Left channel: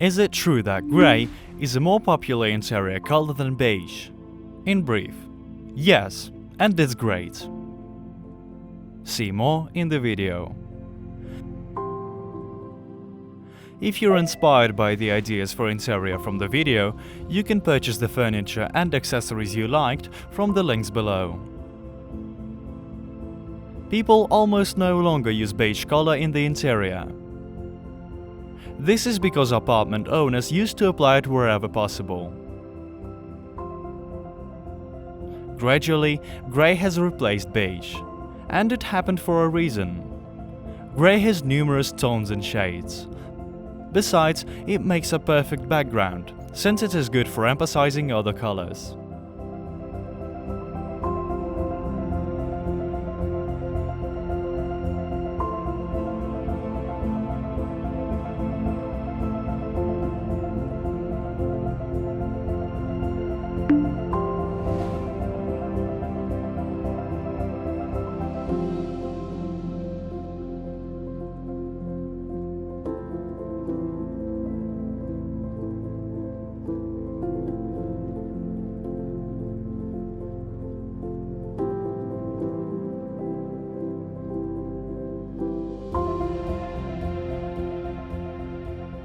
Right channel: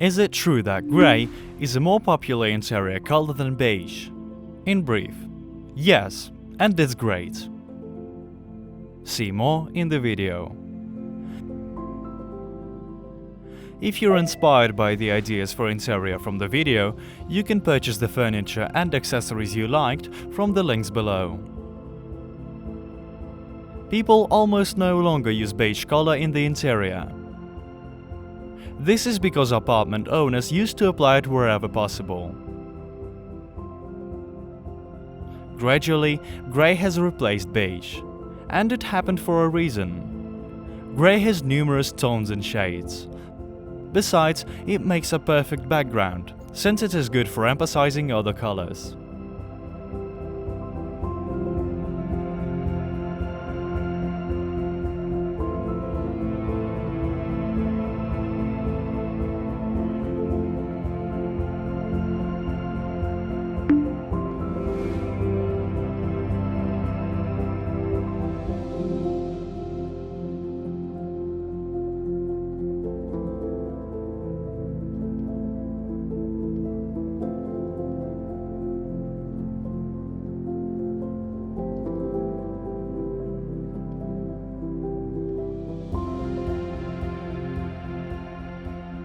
Is it true that grey is a more popular interior color than beige? In brief, yes, and it's great. See more in the video. If you're inspired by the ideas for interior from the video, you can purchase the furniture and accessories you liked from the links below. People almost no longer use beige color in the interior. This is because apartment owners used to apply it wherever possible. Gradually, grey has replaced beige, and it happened for a reason. Grey has numerous tones and shades. Besides, it makes a perfect background, since it is good for emphasizing other colors.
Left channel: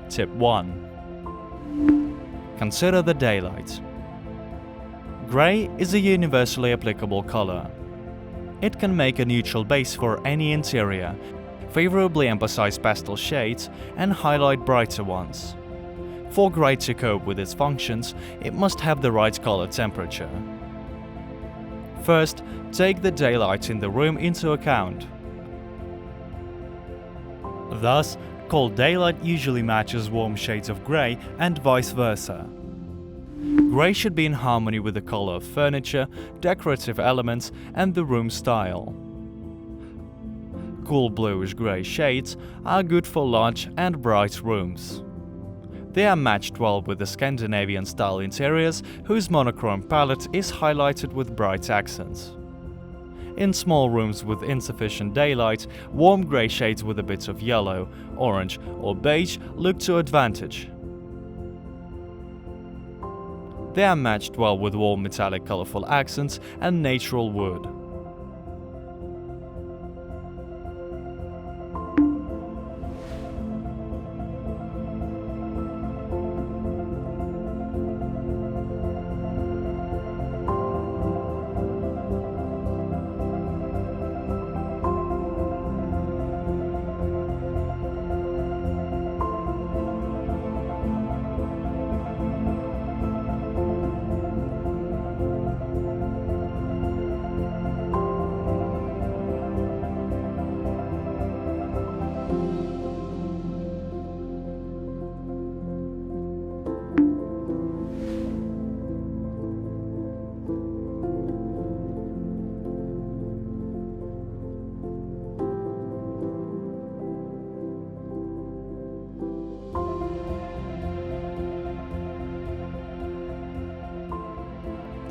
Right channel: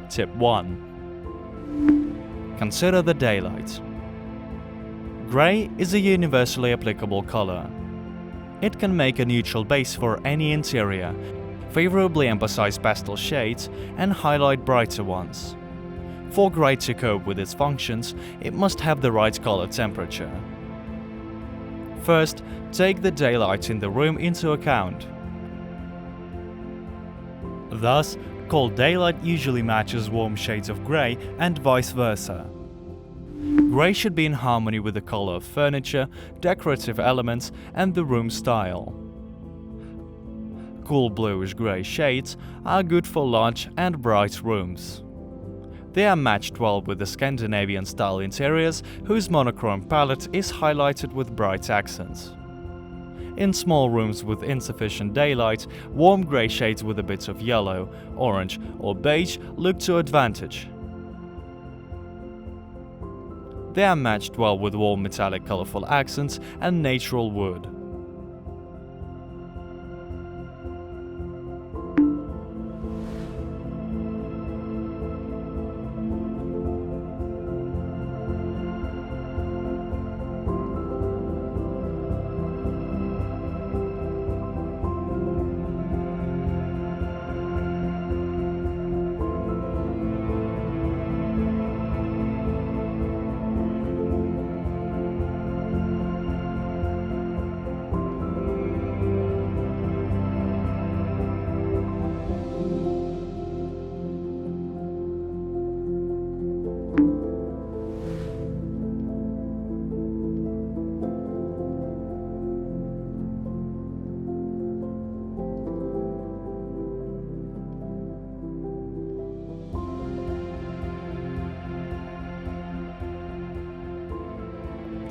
Tip 1. Consider the daylight. Grey is a universally applicable color. It can make a neutral base for any interior, favorably emphasize pastel shades, and highlight brighter ones. For grey to cope with its functions, it must have the right color temperature. First, take the daylight in the room into account. Thus, cold daylight usually matches warm shades of grey and vice versa. Grey should be in harmony with the color of furniture, decorative elements, and the room style. Cool bluish-grey shades are good for large and bright rooms. They are matched well with the Scandinavian-style interiors, whose monochrome palette is highlighted with bright accents. In small rooms with insufficient daylight, warm grey shades with a bit of yellow, orange, or beige look to advantage. They are matched well with warm metallic colorful accents and natural wood.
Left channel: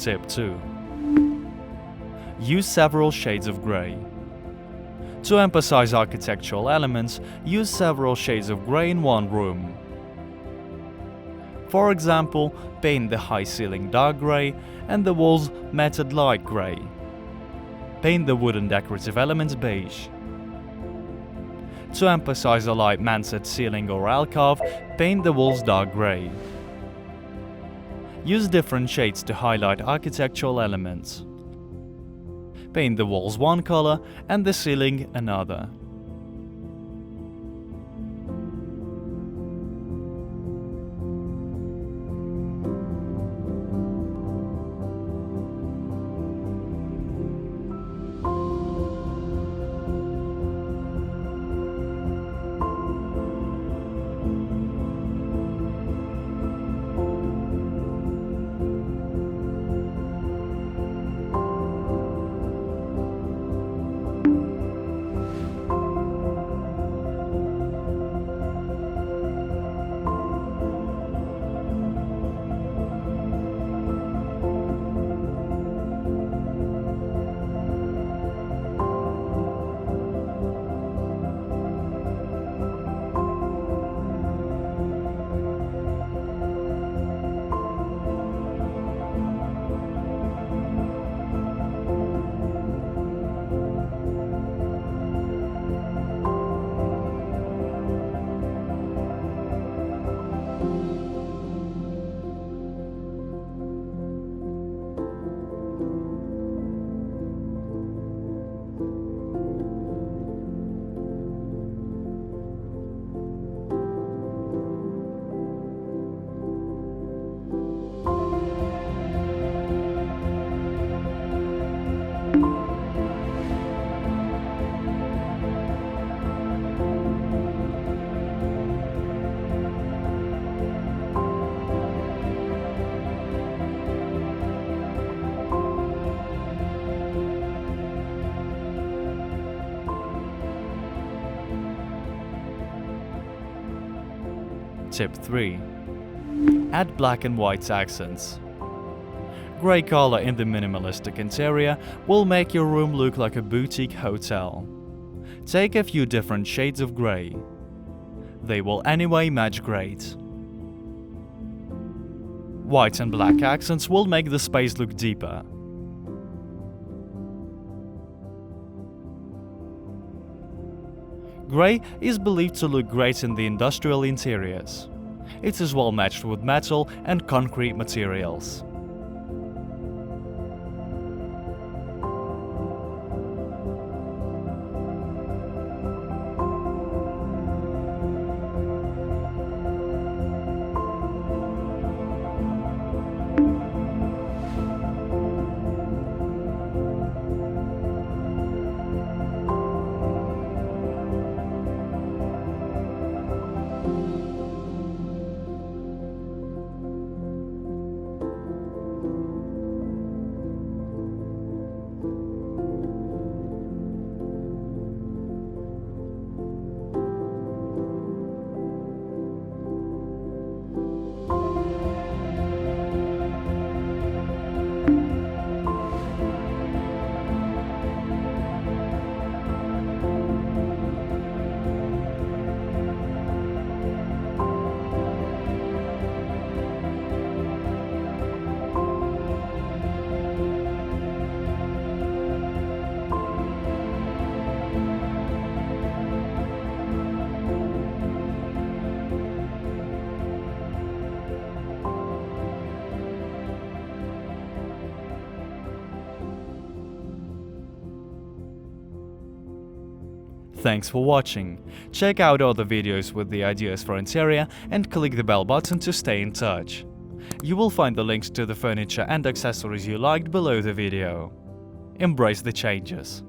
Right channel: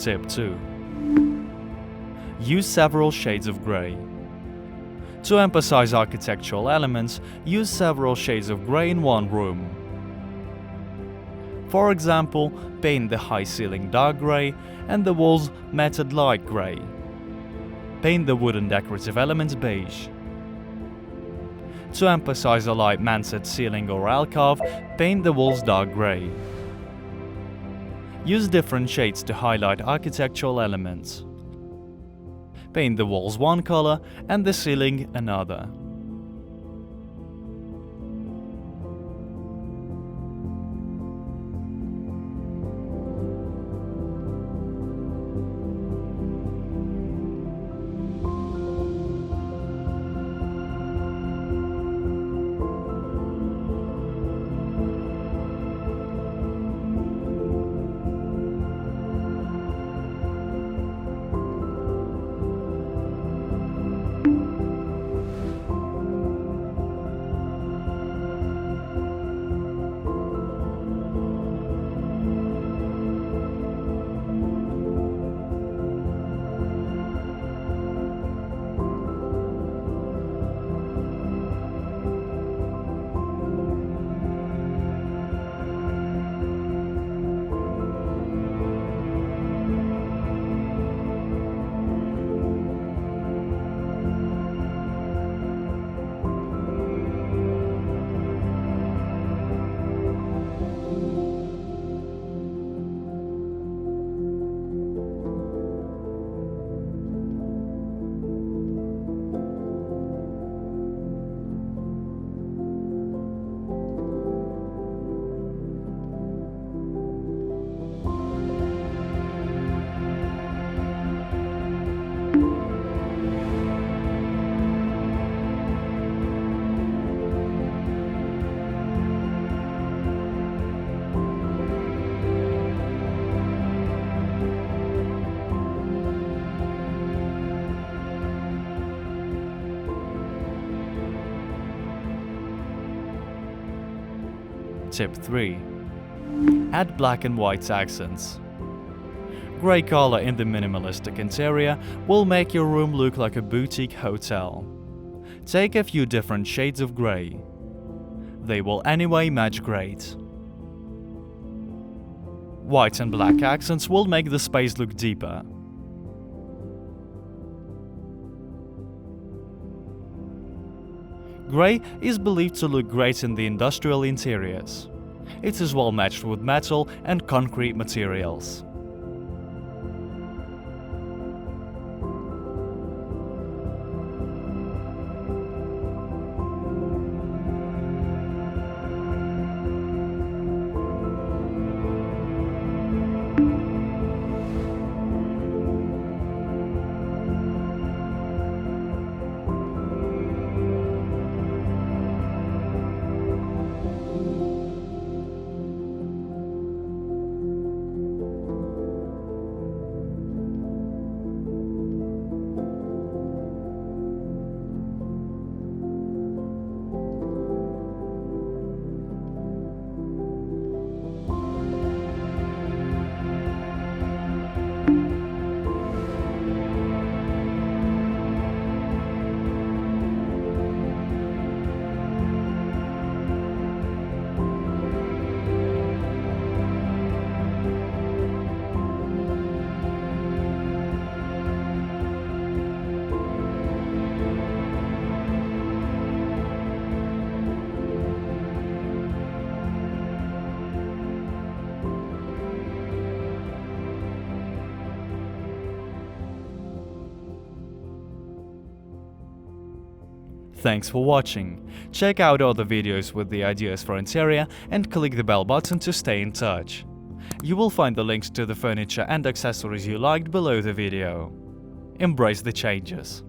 Tip 2. Use several shades of grey. To emphasize architectural elements, use several shades of grey in one room. For example, paint the high ceiling dark grey and the walls matted light grey. Paint the wooden decorative elements beige. To emphasize a light mansard ceiling or alcove, paint the walls dark grey. Use different shades to highlight architectural elements. Paint the walls one color and the ceiling another. Tip 3. Add black and white accents. Grey color in the minimalistic interior will make your room look like a boutique hotel. Take a few different shades of grey. They will anyway match great. White and black accents will make the space look deeper. Grey is believed to look great in the industrial interiors. It is well matched with metal and concrete materials. Thanks for watching. Check out other videos with the ideas for interior and click the bell button to stay in touch. You will find the links to the furniture and accessories you liked below the video. Embrace the changes.